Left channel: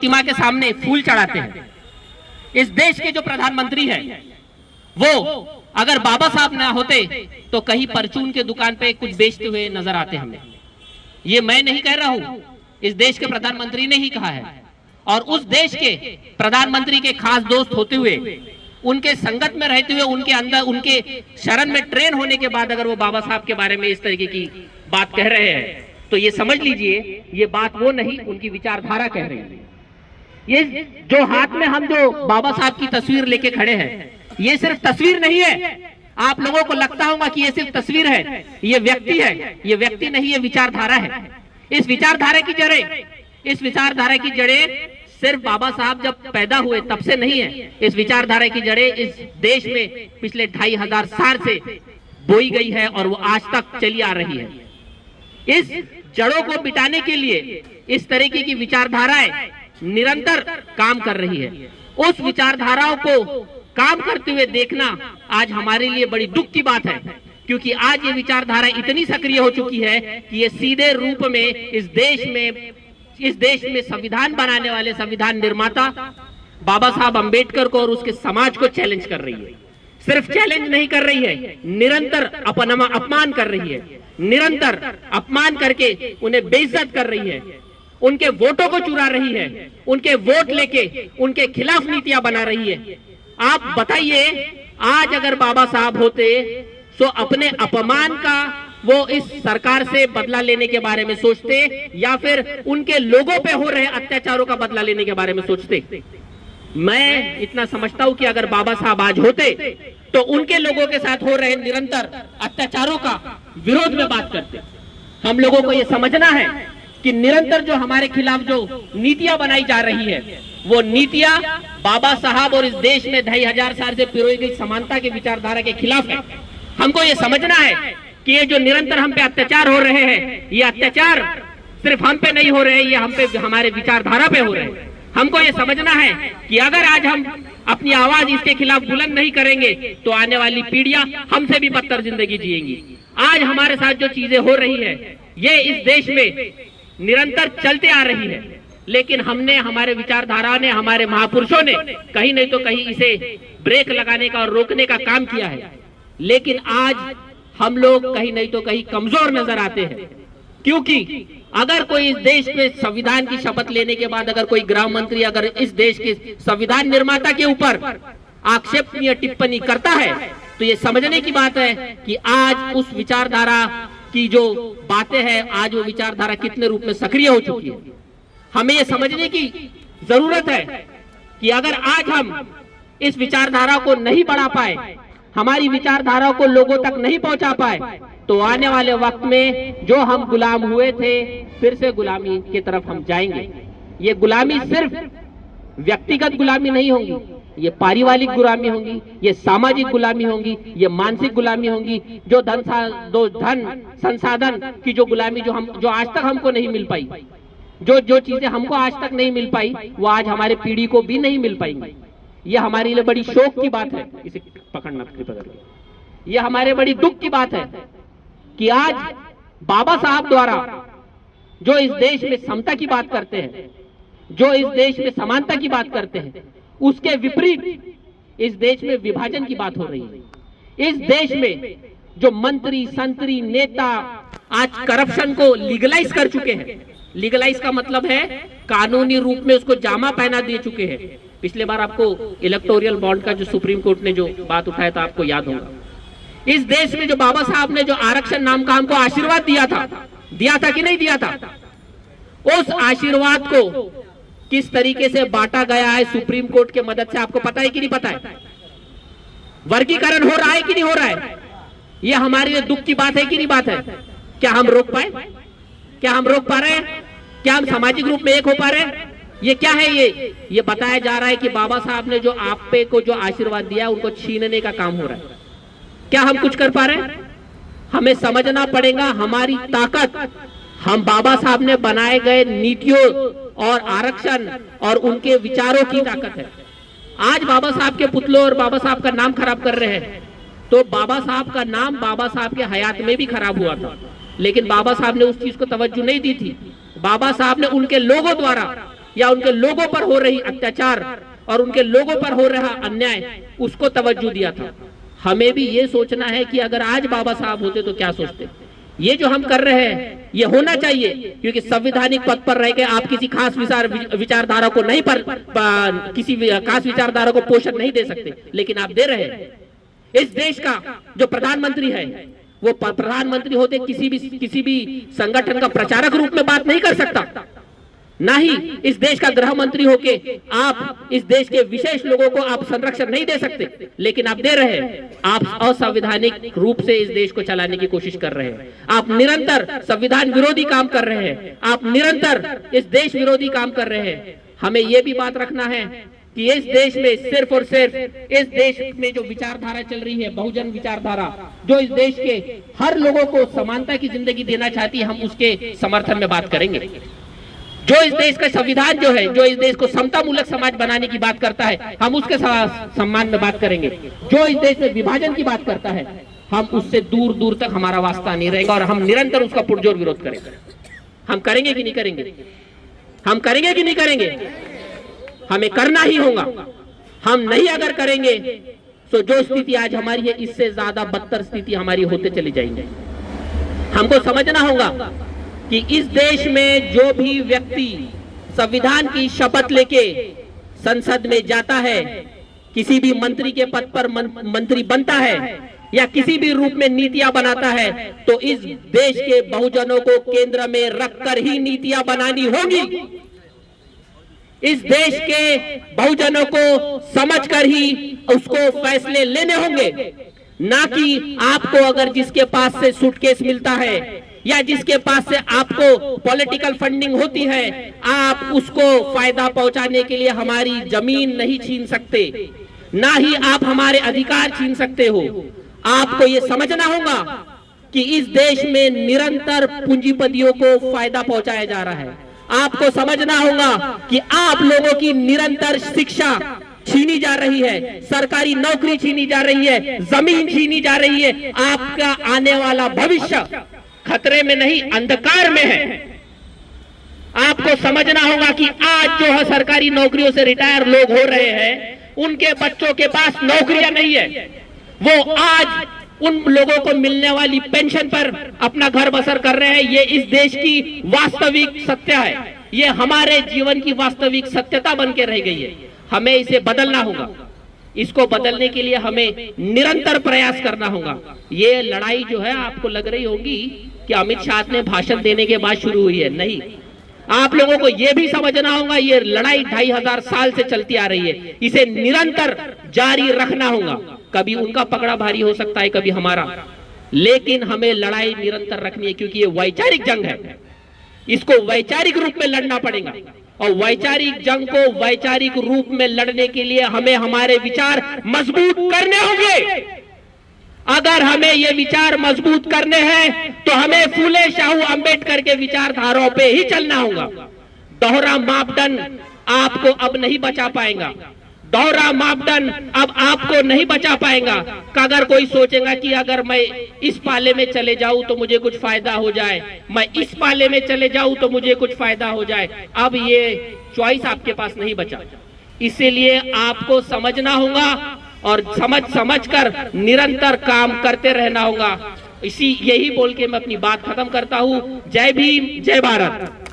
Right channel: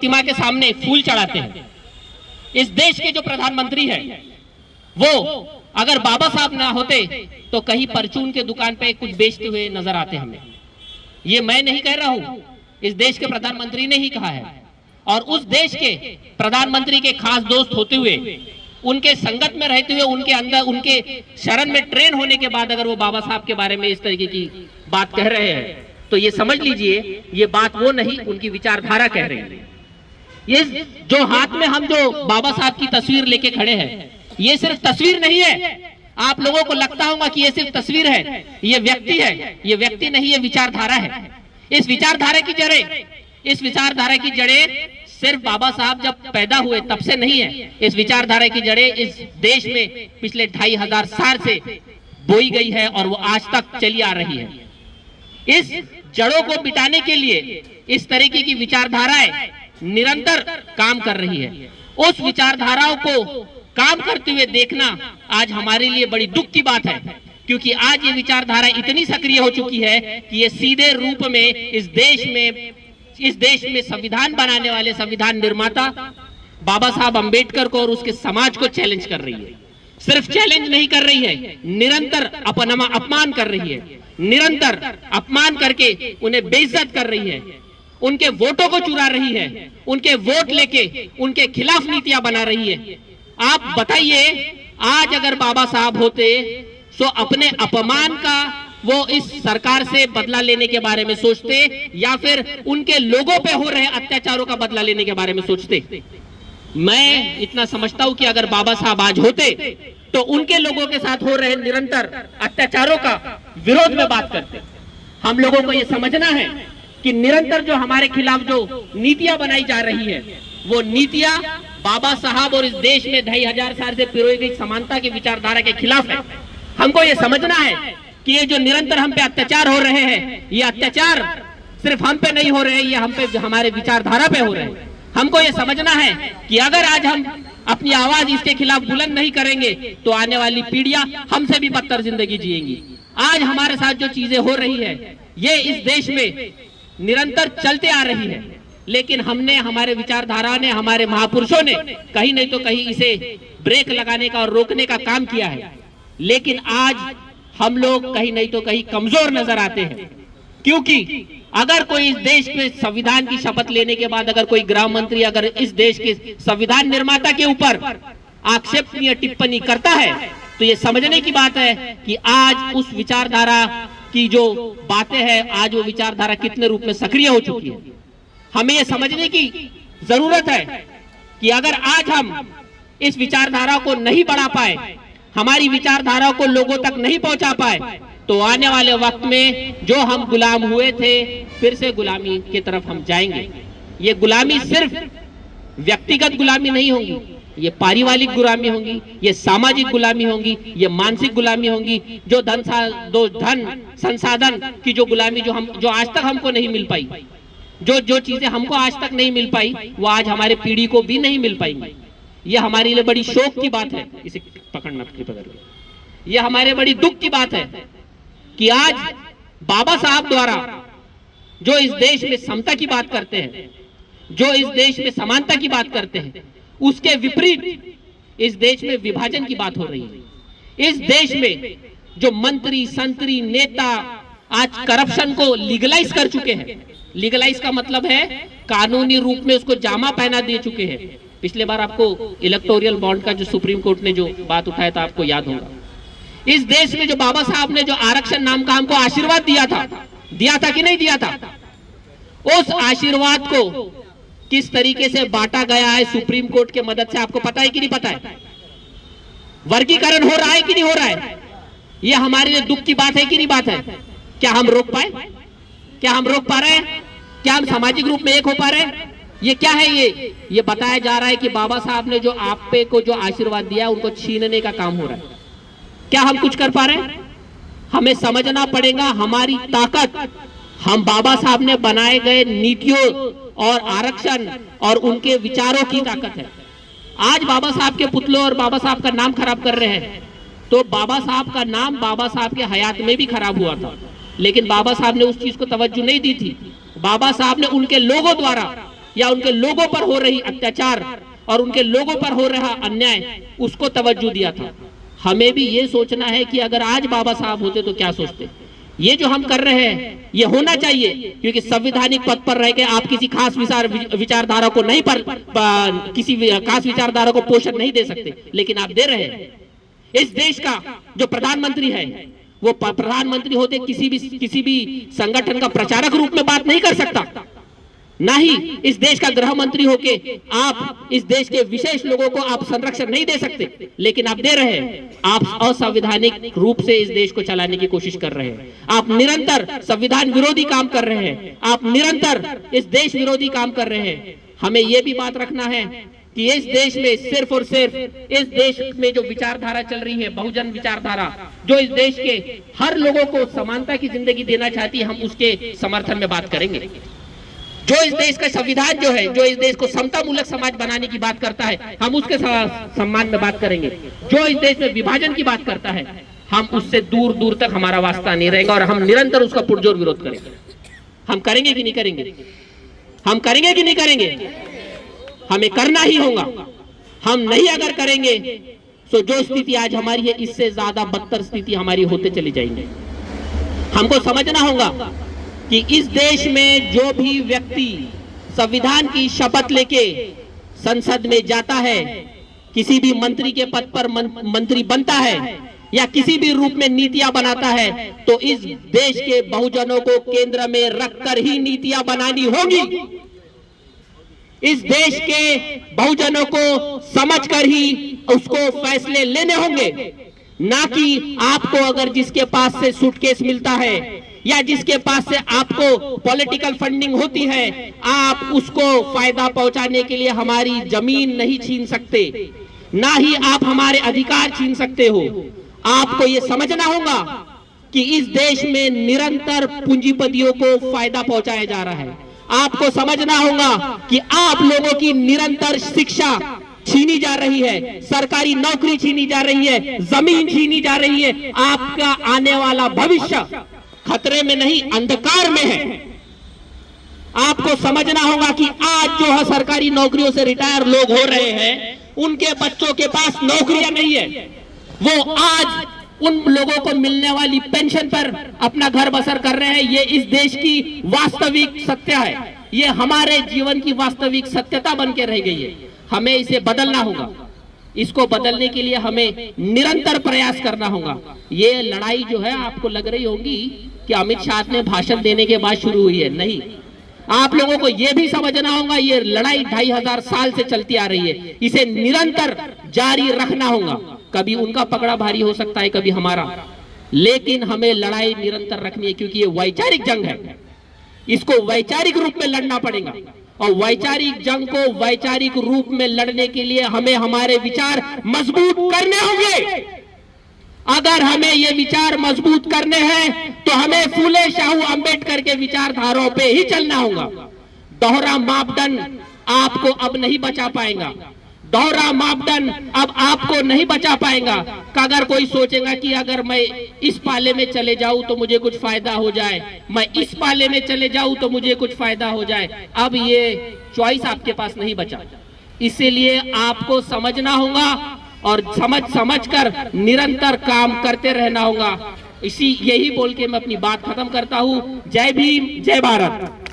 प्रतिमा के सामने फूल चढ़ाते हैं। इस देश के जो प्रधानमंत्री हैं वो अगर बाबा साहब ना होते तो कहीं परचून के दुकान पे कुछ बेचते हुए नजर आते हमें। ये मैं नहीं कह रहा हूं, इस देश के प्रधानमंत्री ने ही कहा है। और उस देश के प्रधानमंत्री के खास दोस्त होते हुए, उनके संगत में रहते हुए, उनके अंदर उनके शरण में ट्रेन होने के बाद अगर वो बाबा साहब के बारे में इस तरीके की बात कह रहे हैं तो ये समझ लीजिए ये बात वो नहीं, उनकी विचारधारा कह रही है। ये जो हाथ में हम जो बाबा साहब की तस्वीर लेके खड़े हैं, ये सिर्फ तस्वीर नहीं है। आप लोगों को लगता होगा कि ये सिर्फ तस्वीर है, ये व्यक्ति है। ये व्यक्ति नहीं, ये विचारधारा है। इस विचारधारा की जड़ें सिर्फ बाबा साहब जब पैदा हुए तब से नहीं है। इस विचारधारा की जड़ें इस देश में पिछले 2500 साल से बोई गई है और वो आज तक चली आ रही है। इस जड़ों को मिटाने के लिए इस तरीके की विचारधाराएं निरंतर काम कर रही है। उस विचारधाराओं को काम करते हुए देखना आज हमारे लिए बड़ी दुख की बात है, क्योंकि आज ये विचारधारा इतनी सक्रिय हो चुकी है कि ये सीधे रूप में इस देश में संविधान बनाने वाले संविधान निर्माता बाबा साहब अंबेडकर को और उसके समाज को चैलेंज कर रही है। सिर्फ चैलेंज नहीं कर रही है, निरंतर अपमान कर रही है। निरंतर अपमान करके उन्हें बेइज्जत कर रही है, उनके वोटों को चुरा रही है, उनके वोट लेके उनके खिलाफ नीतियां बना रही है। आप बताइए, आज अगर बाबा साहब होते तो अपने अपमान का वो इस सरकार से बदला लेने के बारे में सोचते या फिर उनके लोगों पे हो रहे अत्याचारों का बदला लेने के बारे में सोचते? मैं इतना समझता हूं कि अगर बाबा साहब आज होते तो उनके लोगों के साथ हो रहे निरंतर अत्याचारों का विरोध में बात करते। हम लोगों को ये समझना है कि निरंतर जो हमारे खिलाफ जो नीतियां बनाई जा रही है, वो नीतियां बाबा साहब और इस देश में 2500 साल से पिरोई गई समानता की विचारधारा के खिलाफ है। हमको ये समझना है कि ये जो निरंतर हम पे अत्याचार हो रहे हैं, ये अत्याचार सिर्फ हम पे नहीं हो रहे, ये हम पे हमारे विचारधारा पे हो रहे हैं। हमको ये समझना है कि अगर आज हम अपनी आवाज इसके खिलाफ बुलंद नहीं करेंगे तो आने वाली पीढ़ियां हमसे भी बदतर जिंदगी जिएंगी। आज हमारे साथ जो चीजें हो रही है, ये इस देश में निरंतर चलते आ रही है, लेकिन हमने, हमारे विचारधारा ने, हमारे महापुरुषों ने कहीं नहीं तो कहीं इसे ब्रेक लगाने का और रोकने का काम किया है। लेकिन आज हम लोग कहीं नहीं तो कहीं कमजोर नजर आते हैं, क्योंकि अगर कोई इस देश के संविधान की शपथ लेने के बाद अगर कोई गृह मंत्री अगर इस देश के संविधान निर्माता के ऊपर आक्षेपनीय टिप्पणी करता है तो ये समझने की बात है कि आज उस विचारधारा की जो बातें हैं, आज वो विचारधारा कितने रूप में सक्रिय हो चुकी है। हमें ये समझने की जरूरत है कि अगर आज हम इस विचारधारा को नहीं बढ़ा पाए, हमारी विचारधारा को लोगों तक नहीं पहुंचा पाए, तो आने वाले वक्त में जो हम गुलाम हुए थे फिर से गुलामी की तरफ हम जाएंगे। ये गुलामी सिर्फ व्यक्तिगत गुलामी नहीं होगी, ये पारिवारिक गुलामी होगी, ये सामाजिक गुलामी होगी, ये मानसिक गुलामी होगी। जो धन संसाधन की जो गुलामी जो आज तक हमको नहीं मिल पाई, जो चीजें हमको आज तक नहीं मिल पाई, वो आज हमारे पीढ़ी को भी नहीं मिल पाएंगी। ये हमारे लिए बड़ी शोक की बात है। इसे पकड़ना कृपया करके। ये हमारे बड़ी दुख की बात है कि आज बाबा साहब द्वारा जो इस देश में समता की बात करते हैं, जो इस देश में समानता की बात करते हैं, उसके विपरीत इस देश में विभाजन की बात हो रही है। इस देश में जो मंत्री, संतरी, नेता आज करप्शन को लीगलाइज कर चुके हैं। लीगलाइज का मतलब है कानूनी रूप में उसको जामा पहना दे चुके हैं। पिछले बार आपको इलेक्टोरल बॉन्ड का जो सुप्रीम कोर्ट ने जो बात उठाया था, आपको याद होगा। इस देश में जो बाबा साहब ने जो आरक्षण नाम का हमको आशीर्वाद दिया था कि नहीं दिया था, उस आशीर्वाद को किस तरीके से बांटा गया है सुप्रीम कोर्ट के मदद से, आपको पता है कि नहीं पता है? वर्गीकरण हो रहा है कि नहीं हो रहा है? ये हमारे लिए दुख की बात है कि नहीं बात है? क्या हम रोक पाए? क्या हम रोक पा रहे हैं? क्या हम सामाजिक रूप में एक हो पा रहे हैं? ये क्या है? ये बताया जा रहा है कि बाबा साहब ने जो आप पे को जो आशीर्वाद दिया उनको छीनने का काम हो रहा है। क्या हम कुछ कर पा रहे हैं? हमें समझना पड़ेगा हमारी ताकत हम बाबा साहब ने बनाए गए नीतियों और आरक्षण और उनके विचारों की ताकत है। आज बाबा साहब के पुतलों और बाबा साहब का नाम खराब कर रहे हैं, तो बाबा साहब का नाम बाबा साहब के हयात में भी खराब हुआ था, लेकिन बाबा साहब ने उस चीज को तवज्जो नहीं दी थी। बाबा साहब ने उनके लोगों द्वारा या उनके लोगों पर हो रही अत्याचार और उनके लोगों पर हो रहा अन्याय, उसको तवज्जो दिया था। हमें भी ये सोचना है कि अगर आज बाबा साहब होते तो क्या सोचते। ये जो हम कर रहे हैं ये होना चाहिए, क्योंकि संवैधानिक पद पर रह के आप किसी खास विचारधारा को नहीं किसी खास विचारधारा को पोषण नहीं दे सकते, लेकिन आप दे रहे हैं। इस देश का जो प्रधानमंत्री है वो प्रधानमंत्री होते किसी भी संगठन का प्रचारक रूप में बात नहीं कर सकता, ना ही इस देश का गृह मंत्री होके आप इस देश के विशेष लोगों को आप संरक्षण नहीं दे सकते, लेकिन आप दे रहे हैं। आप असंवैधानिक रूप से इस देश को चलाने की कोशिश कर रहे हैं। आप निरंतर संविधान विरोधी काम कर रहे हैं, आप निरंतर इस देश विरोधी काम कर रहे हैं। हमें यह भी बात रखना है कि इस देश में सिर्फ और सिर्फ इस देश में जो विचारधारा चल रही है, बहुजन विचारधारा, जो इस देश के हर लोगों को समानता की जिंदगी देना चाहती है, हम उसके समर्थन में बात करेंगे। जो इस देश का संविधान जो है, जो इस देश को समता मूलक समाज बनाने की बात करता है, हम उसके सम्मान में बात करेंगे। जो इस देश में विभाजन की बात करता है, हम उससे दूर दूर तक हमारा वास्ता नहीं रहेगा और हम निरंतर उसका पुरजोर विरोध करेंगे। हम करेंगे कि नहीं करेंगे? हम करेंगे कि नहीं करेंगे? हमें करना ही होगा। हम नहीं अगर करेंगे तो जो स्थिति आज हमारी है, इससे ज्यादा बदतर स्थिति हमारी होते चली जाएंगे। हमको समझना होगा कि इस देश में जो भी व्यक्ति संविधान की शपथ लेके संसद में जाता है, किसी भी मंत्री के पद पर मंत्री बनता है या किसी भी रूप में नीतियां बनाता है, तो इस देश के बहुजनों को केंद्र में रखकर ही नीतियां बनानी होगी। इस देश के बहुजनों को समझकर ही उसको फैसले लेने होंगे, ना कि आपको अगर जिसके पास से सूटकेस मिलता है या जिसके पास से आपको पॉलिटिकल फंडिंग होती है, आप उसको फायदा पहुंचाने के लिए हमारी जमीन नहीं छीन सकते, ना ही आप हमारे अधिकार छीन सकते हो। आपको ये समझना होगा कि इस देश में निरंतर पूंजीपतियों को फायदा पहुंचाया जा रहा है। आपको समझना होगा कि आप लोगों की निरंतर शिक्षा छीनी जा रही है, सरकारी नौकरी छीनी जा रही है, जमीन छीनी जा रही है। आपका आने वाला भविष्य खतरे में नहीं, अंधकार में है। आपको समझना होगा कि आज जो है सरकारी नौकरियों से रिटायर लोग हो रहे हैं, उनके बच्चों के पास नौकरियां नहीं है। वो आज उन लोगों को मिलने वाली पेंशन पर अपना घर बसर कर रहे हैं। ये इस देश की वास्तविक सत्य है, ये हमारे जीवन की वास्तविक सत्यता बन के रह गई है। हमें इसे बदलना होगा। इसको बदलने के लिए हमें निरंतर प्रयास करना होगा। ये लड़ाई जो है आपको लग रही होगी कि अमित शाह ने भाषण देने के बाद शुरू हुई है, नहीं। आप लोगों को यह भी समझना होगा ये लड़ाई 2500 साल से चलती आ रही है, इसे निरंतर जारी रखना होगा। कभी उनका पकड़ा भारी हो सकता है, कभी हमारा, लेकिन हमें लड़ाई निरंतर रखनी है, क्योंकि ये वैचारिक जंग है। इसको वैचारिक रूप में लड़ना पड़ेगा और वैचारिक जंग को वैचारिक रूप में लड़ने के लिए हमें हमारे विचार मजबूत करने होंगे। अगर हमें ये विचार मजबूत करने हैं तो हमें फूले शाहू अंबेडकर के विचारधाराओं पे ही चलना होगा। दोहरा मापदंड आपको अब नहीं बचा पाएगा। दोहरा मापदंड अब आपको नहीं बचा पाएगा। अगर कोई सोचेगा कि अगर मैं इस पाले में चले जाऊं तो मुझे कुछ फायदा हो जाए, मैं इस पाले में चले जाऊं तो मुझे कुछ फायदा हो जाए, अब ये चॉइस आपके पास नहीं बचा। इसीलिए आपको समझना होगा और समझ कर निरंतर काम करते रहना होगा। यही बोल के मैं अपनी बात खत्म करता हूं। जय भीम, जय भारत।